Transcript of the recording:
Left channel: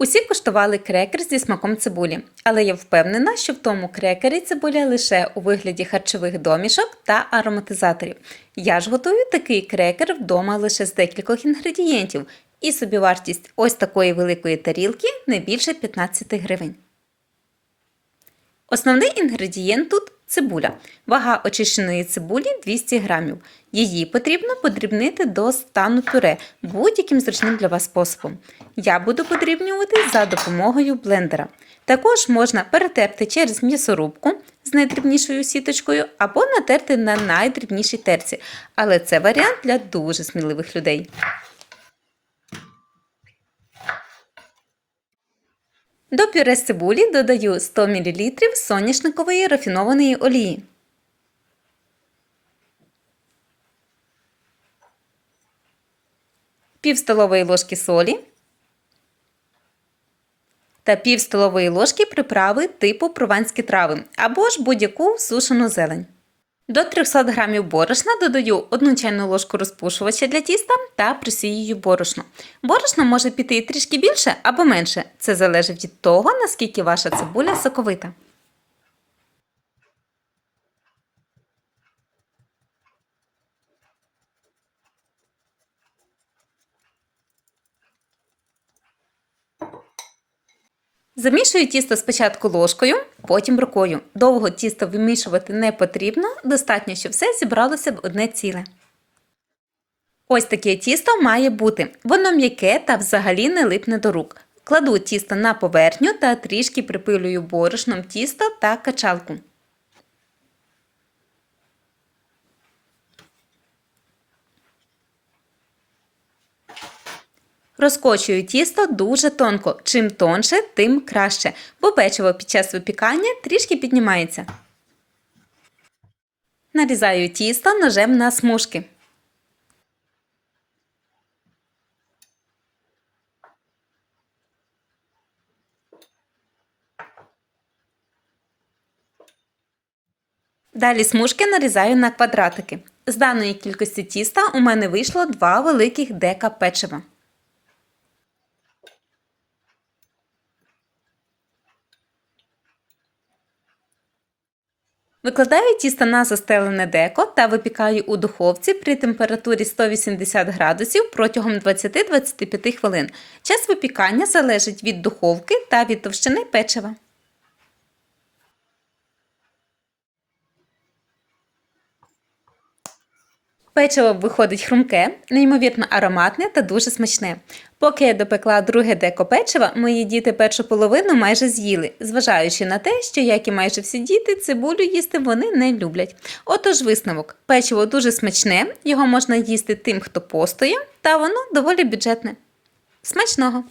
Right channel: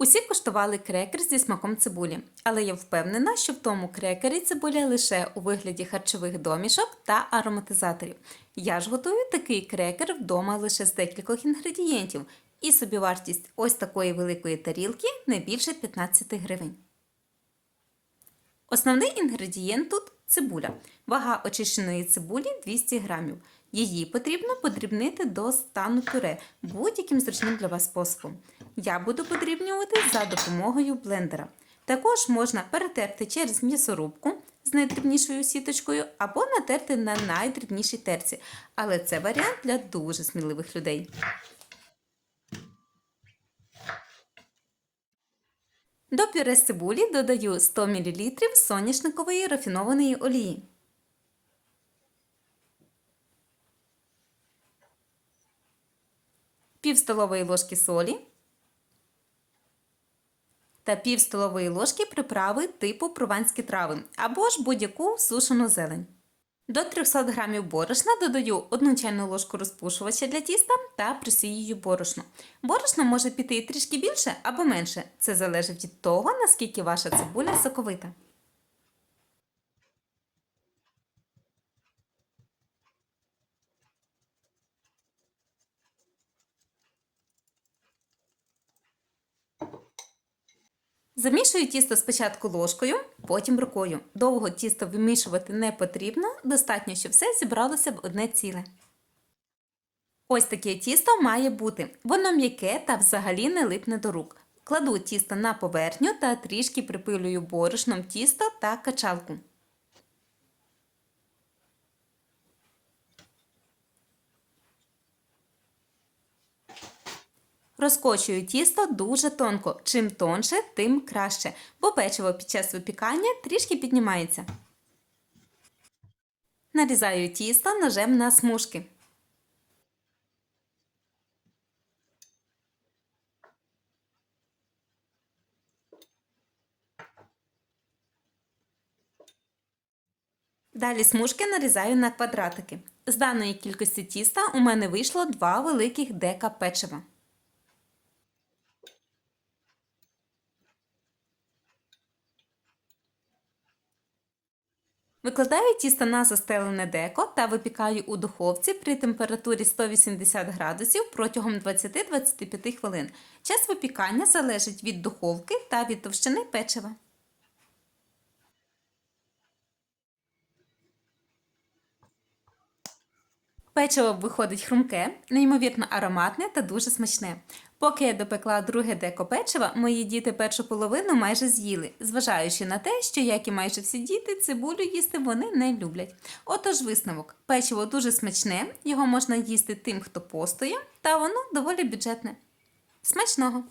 Усі куштували крекер зі смаком цибулі, але я впевнена, що в тому крекері цибуля лише у вигляді харчових домішок та ароматизаторів. Я ж готую такий крекер вдома лише з декількох інгредієнтів, і собівартість ось такої великої тарілки не більше 15 гривень. Основний інгредієнт тут цибуля. Вага очищеної цибулі 200 грамів. Її потрібно подрібнити до стану пюре будь-яким зручним для вас способом. Я буду подрібнювати за допомогою блендера. Також можна перетерти через м'ясорубку з найдрібнішою сіточкою або натерти на найдрібнішій терці, але це варіант для дуже сміливих людей. До пюре цибулі додаю 100 мл соняшникової рафінованої олії. Пів столової ложки солі та пів столової ложки приправи типу прованські трави або ж будь-яку сушену зелень. До 300 г борошна додаю 1 чайну ложку розпушувача для тіста та присію борошно. Борошно може піти і трішки більше або менше. Це залежить від того, наскільки ваша цибуля соковита. Замішую тісто спочатку ложкою, потім рукою. Довго тісто вимішувати не потрібно, достатньо, щоб все зібралося в одне ціле. Ось таке тісто має бути. Воно м'яке та взагалі не липне до рук. Кладу тісто на поверхню та трішки припилюю борошном тісто та качалку. Розкочую тісто дуже тонко. Чим тонше, тим краще, бо печиво під час випікання трішки піднімається. Нарізаю тісто ножем на смужки. Далі смужки нарізаю на квадратики. З даної кількості тіста у мене вийшло два великих дека печива. Викладаю тісто на застелене деко та випікаю у духовці при температурі 180 градусів протягом 20-25 хвилин. Час випікання залежить від духовки та від товщини печива. Печиво виходить хрумке, неймовірно ароматне та дуже смачне. Поки я допекла друге деко печива, мої діти першу половину майже з'їли, зважаючи на те, що, як і майже всі діти, цибулю їсти вони не люблять. Отож, висновок: печиво дуже смачне, його можна їсти тим, хто постоє, та воно доволі бюджетне. Смачного!